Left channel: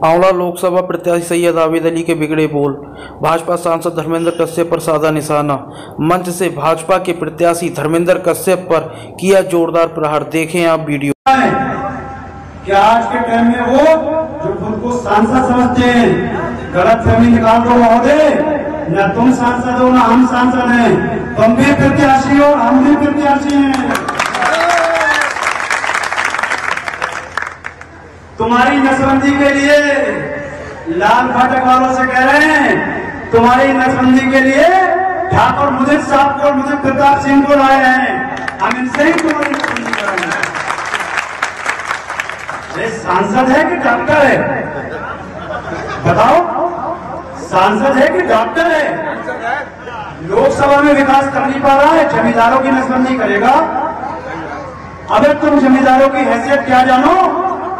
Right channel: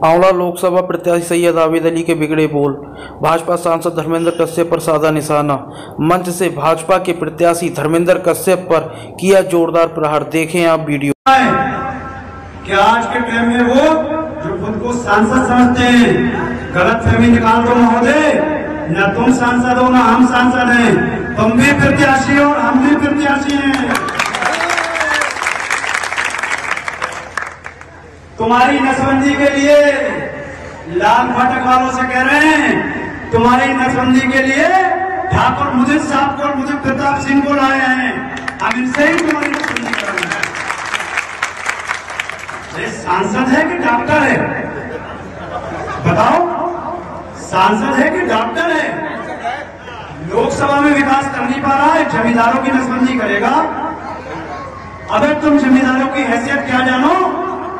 आंवला लोकसभा प्रत्याशी सैयद आबिद अली के बिगड़े बोल। भाजपा सांसद धर्मेंद्र कश्यप पर साधा निशाना। मंच से भाजपा के प्रत्याशी धर्मेंद्र कश्यप पर किया जोरदार प्रहार। देखें आप वीडियो। क्या आज के टाइम में वो जो खुद को सांसद समझते हैं, गलत फहमी निकाल दो महोदय, न तुम सांसद हो न हम सांसद हैं, तुम भी प्रत्याशी हो और हम भी प्रत्याशी हैं। तुम्हारी नसबंदी के लिए लाल फाटक वालों से कह रहे हैं, तुम्हारी नसबंदी के लिए ठाकुर मुदित साहब को, मुदित प्रताप सिंह को लाए हैं। हम इनसे ही तुम्हारी नसबंदी कर रहे हैं। ये सांसद है कि डॉक्टर है? बताओ, सांसद है कि डॉक्टर है? लोकसभा में विकास कर नहीं पा रहा है, जमींदारों की नसबंदी करेगा। अगर तुम जमींदारों की हैसियत क्या जानो,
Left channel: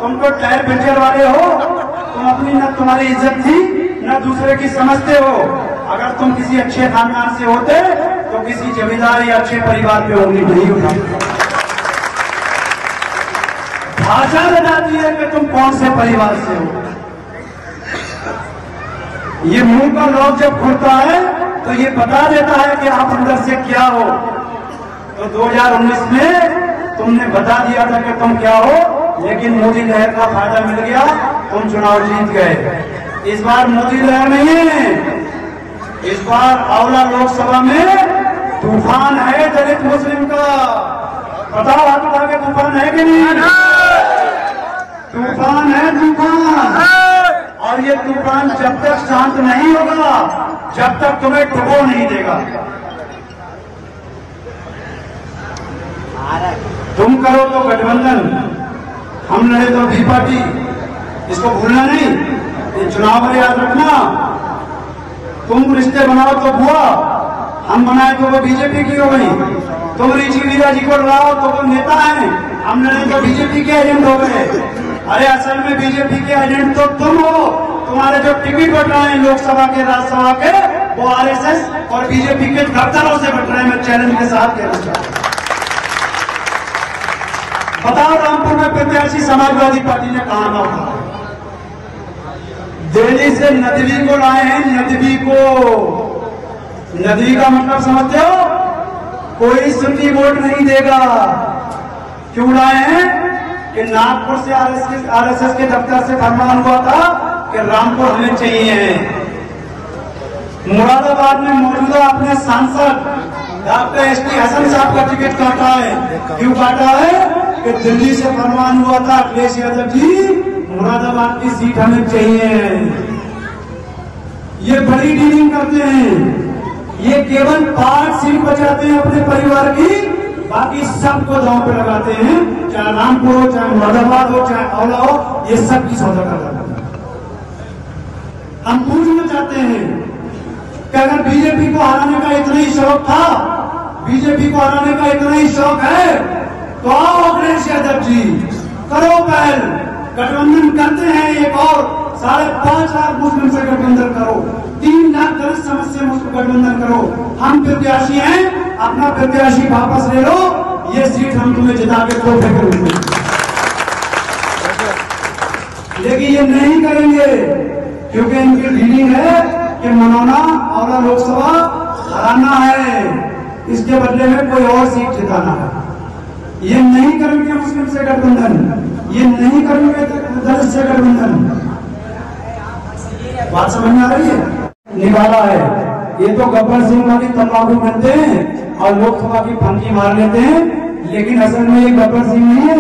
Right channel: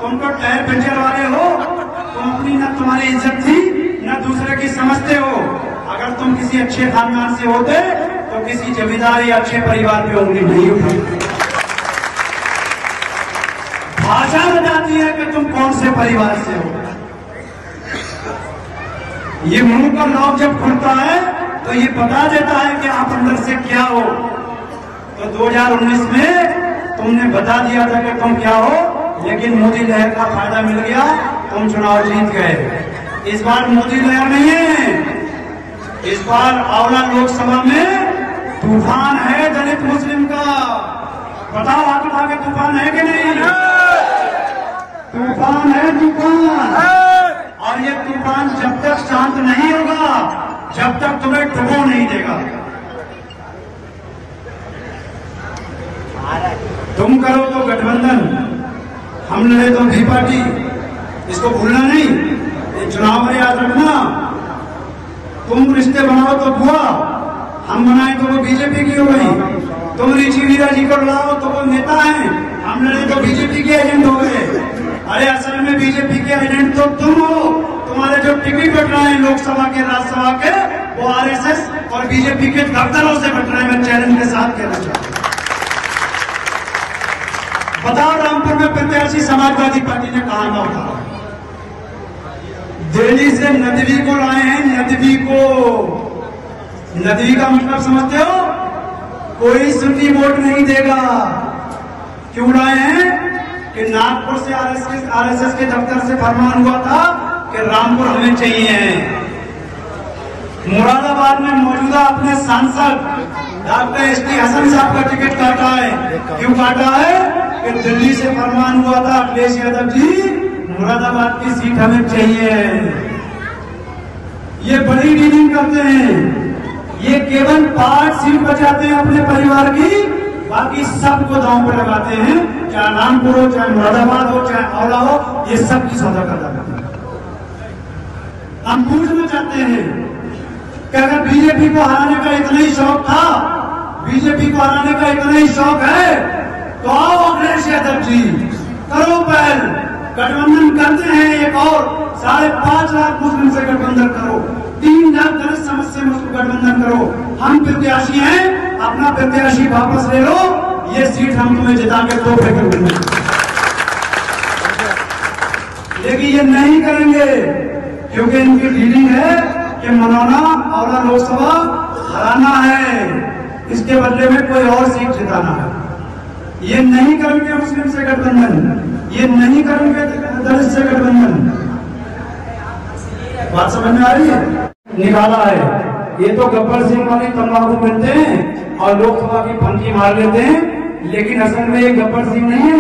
तुम तो टायर पंचर वाले हो, तुम अपनी न तुम्हारी इज्जत थी न दूसरे की समझते हो। अगर तुम किसी अच्छे खानदान से होते तो किसी जमींदार या अच्छे परिवार में होंगे नहीं होते। भाषा बताती है कि तुम कौन से परिवार से हो। ये मुंह का लॉक जब खुलता है तो ये बता देता है कि आप अंदर से क्या हो। तो 2019 में तुमने बता दिया था कि तुम क्या हो, लेकिन मोदी लहर का फायदा मिल गया, तुम चुनाव जीत गए। इस बार मोदी लहर नहीं, इस बार आंवला लोकसभा में तूफान है दलित मुस्लिम का। बताओ, हाथ उठा के तूफान है कि नहीं? तूफान है, तूफान। और ये तूफान जब तक शांत नहीं होगा, जब तक तुम्हें डुबो नहीं देगा। तुम करो तो गठबंधन, हम लड़े तो भी पार्टी, इसको भूलना नहीं। चुनाव में याद रखना, तुम रिश्ते बनाओ तो बुआ, हम बनाए तो वो बीजेपी की हो गई। तुम ऋषि वीरा जी को लाओ तो वो नेता है, हम लड़े तो बीजेपी के एजेंट हो गए। अरे असल में बीजेपी के एजेंट तो तुम हो। तुम्हारे जो टिकट बट रहे हैं लोकसभा के, राज्यसभा के, वो आरएसएस और बीजेपी के दफ्तरों से बट रहे हैं। मैं चैलेंज के साथ कहना चाहता हूं। बताओ, रामपुर में प्रत्याशी समाजवादी पार्टी ने कहा ना उठा। दिल्ली से नदवी को लाए हैं, नदवी को। नदवी का मतलब समझते हो? कोई सुन्नी वोट नहीं देगा। क्यों लाए हैं? कि नागपुर से आरएसएस के दफ्तर से फरमान हुआ था कि रामपुर हमें चाहिए। मुरादाबाद में मौजूदा अपने सांसद डॉक्टर एसटी हसन साहब का टिकट काटा है। क्यों काटा है? कि दिल्ली से फरमान हुआ था, अखिलेश यादव जी, मुरादाबाद की सीट हमें चाहिए। ये बड़ी डीलिंग करते हैं। ये केवल 5 सीट बचाते हैं अपने परिवार की, बाकी सबको दांव पे लगाते हैं। चाहे रामपुर हो, चाहे मुरादाबाद हो, चाहे आंवला हो, ये सब की सौदा कर रहे हैं। हम पूछना चाहते हैं कि अगर बीजेपी को हराने का इतना ही शौक था, बीजेपी को हराने का इतना ही शौक है, तो आओ अखिलेश यादव जी, करो पहल, गठबंधन करते हैं। एक और 5.5 लाख मुस्लिम से गठबंधन करो, 3 लाख दलित समाज से गठबंधन करो। हम प्रत्याशी हैं, अपना प्रत्याशी वापस ले लो, ये सीट हम तुम्हें जिता के तोहफे कर देंगे। लेकिन ये नहीं करेंगे, क्योंकि इनकी डीलिंग है कि मनोना आंवला लोकसभा हराना है, इसके बदले में कोई और सीट जिताना है। ये नहीं करेंगे मुस्लिम से गठबंधन, ये नहीं करेंगे दलित से गठबंधन। बात समझ में आ रही है? निकाला है। ये तो गब्बर सिंह वाली तंबाकू करते हैं और लोकसभा की फंकी मार लेते हैं, लेकिन असल में ये गब्बर सिंह नहीं है,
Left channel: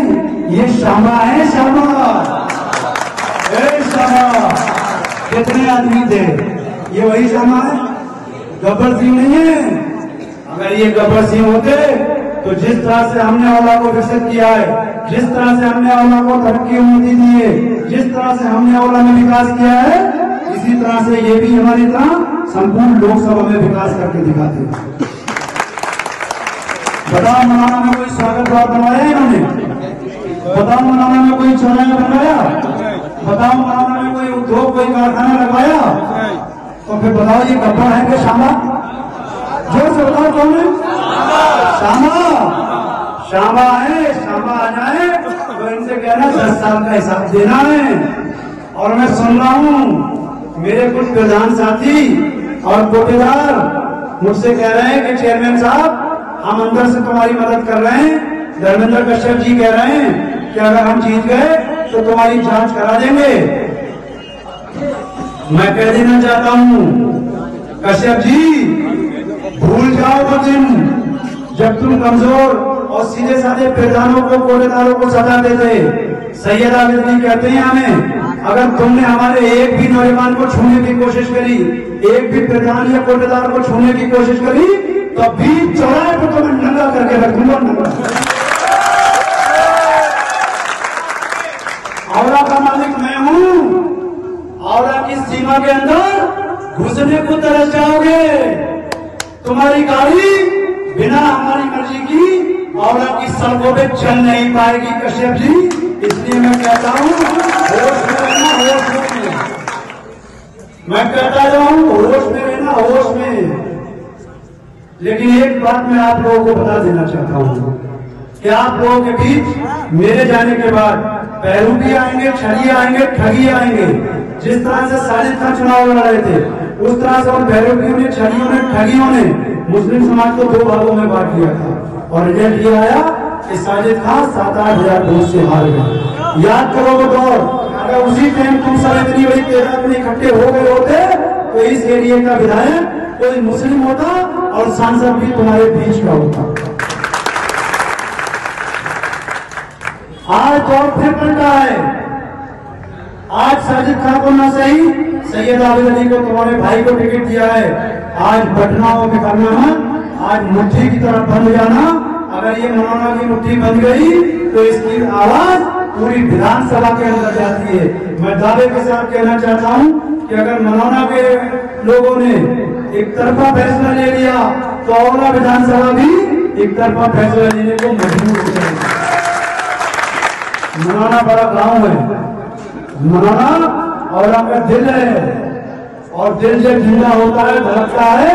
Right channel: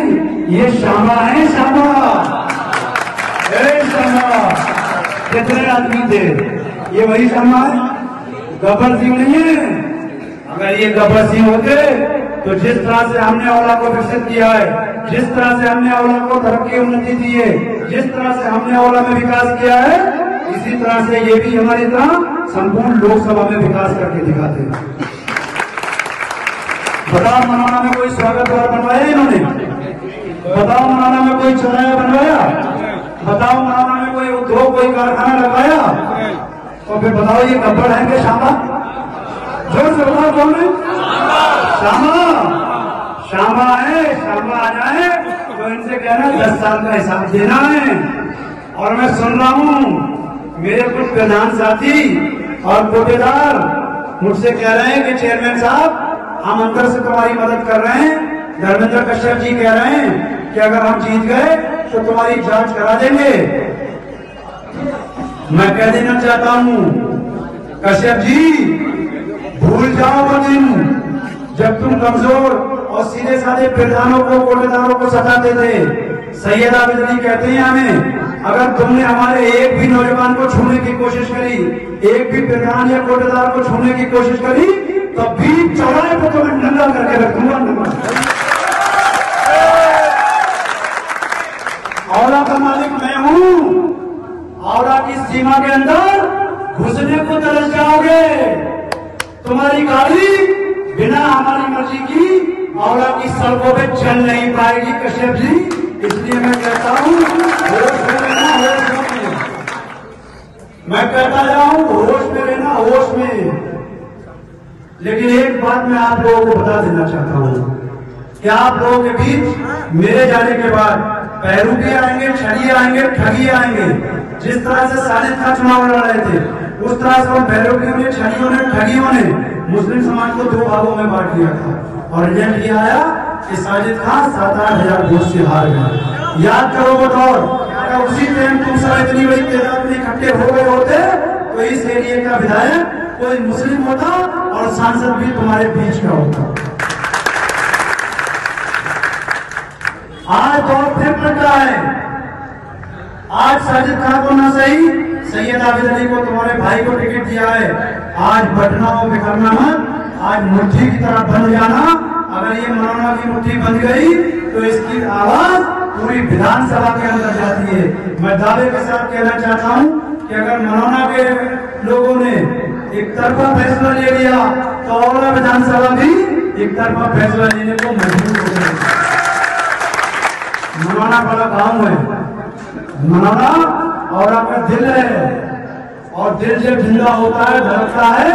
ये शामा है। शामा, शामा कितने आदमी थे? ये वही शामा है, गब्बर सिंह नहीं है। अगर ये गब्बर सिंह होते तो जिस तरह से हमने आंवला को विकसित किया है, जिस तरह से हमने आंवला को तरक्की उन्नति दी है, जिस तरह से हमने आंवला में विकास किया है, इसी तरह से ये भी हमारी तरह संपूर्ण लोकसभा में विकास करके दिखाते हैं। बताओ, मनाना में कोई स्वागत द्वार बनवाया इन्होंने? बताओ, मनाना में कोई चौराहा बनवाया? बताओ, मनाना में कोई उद्योग, कोई कारखाना लगाया? तो फिर बताओ, ये गब्बर है कि शामा? जोर से बताओ, कौन है? शामा। शामा है। शामा आ जाए तो इनसे कहना 10 साल का हिसाब देना है। और मैं सुन रहा हूँ मेरे कुछ प्रधान साथी और कोटेदार मुझसे कह रहे हैं कि चेयरमैन साहब हम अंदर से तुम्हारी मदद कर रहे हैं। धर्मेंद्र कश्यप जी कह रहे हैं कि अगर हम जीत गए तो तुम्हारी जांच करा देंगे। मैं कह देना चाहता हूँ कश्यप जी, भूल जाओ वो दिन जब तुम कमजोर और सीधे साधे प्रधानों को कोटेदारों को सताते थे। सैयद आबिद अली कहते हैं हमें, अगर तुमने हमारे एक भी नौजवान को छूने की कोशिश करी, एक भी प्रधान या कोटेदार को छूने की कोशिश करी, तो बीच चौराहे को तो मैं नंगा करके रखूंगा। औला का मालिक मैं हूँ। औला की सीमा के अंदर घुसने को तरस जाओगे। तुम्हारी गाड़ी बिना हमारी मर्जी की औला की सड़कों पे चल नहीं पाएगी कश्यप जी। इसलिए मैं कहता हूँ होश में रहना, होश में। मैं कहता जाऊँ होश में रहना, होश में। लेकिन एक बात मैं आप लोगों को बता देना चाहता हूँ कि आप लोगों के बीच मेरे जाने के बाद पैरू भी आएंगे, छड़िए आएंगे, ठगी आएंगे। जिस तरह से साजिद खान चुनाव लड़ रहे थे उस तरह से उन पैरों ने, छड़ियों ने, ठगियों ने मुस्लिम समाज को 2 भागों में बांट दिया था और रिजल्ट ये आया कि साजिद खान 7-8 हजार वोट से हार गए। याद करो वो दौर, अगर उसी टाइम तुम सब इतनी बड़ी तादाद में इकट्ठे हो गए होते तो इस एरिया का विधायक कोई मुस्लिम होता और सांसद भी तुम्हारे बीच का होता। आज दौर फिर पलटा है। आज साजिद खान को ना सही, सैयद आबिद अली को, तुम्हारे भाई को टिकट दिया है। आज बटनाओं में करना मत, आज मुट्ठी की तरफ बंद जाना। अगर ये मौलाना की मुट्ठी बंद गई तो इसकी आवाज पूरी विधानसभा के अंदर जाती है। मैं दावे के साथ कहना चाहता हूँ कि अगर मौलाना के लोगों ने एक तरफा फैसला ले लिया तो औला विधानसभा भी एक तरफा फैसला लेने को मजबूर हो जाएगी। मौलाना बड़ा गांव है, मौलाना और आपका दिल है, और दिल जब ठंडा होता है, धड़कता है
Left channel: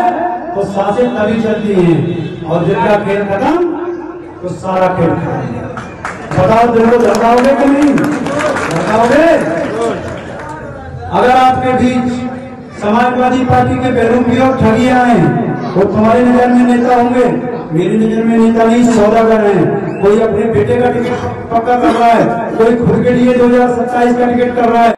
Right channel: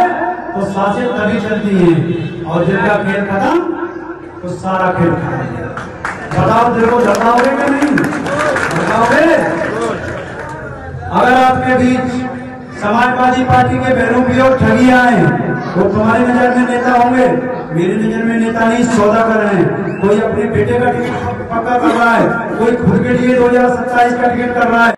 तो सांसें तभी चलती हैं, और दिल का खेल खत्म तो सारा खेल खत्म। बताओ दिल को धड़काओगे कि नहीं धड़काओगे? अगर आपके बीच समाजवादी पार्टी के बेरूपी और ठगी आए वो तुम्हारी नजर में नेता होंगे, मेरी नजर में नेता नहीं, सौदा कर रहे हैं। कोई अपने बेटे का टिकट पक्का कर रहा है, कोई खुद के लिए 2027 का टिकट कर रहा है।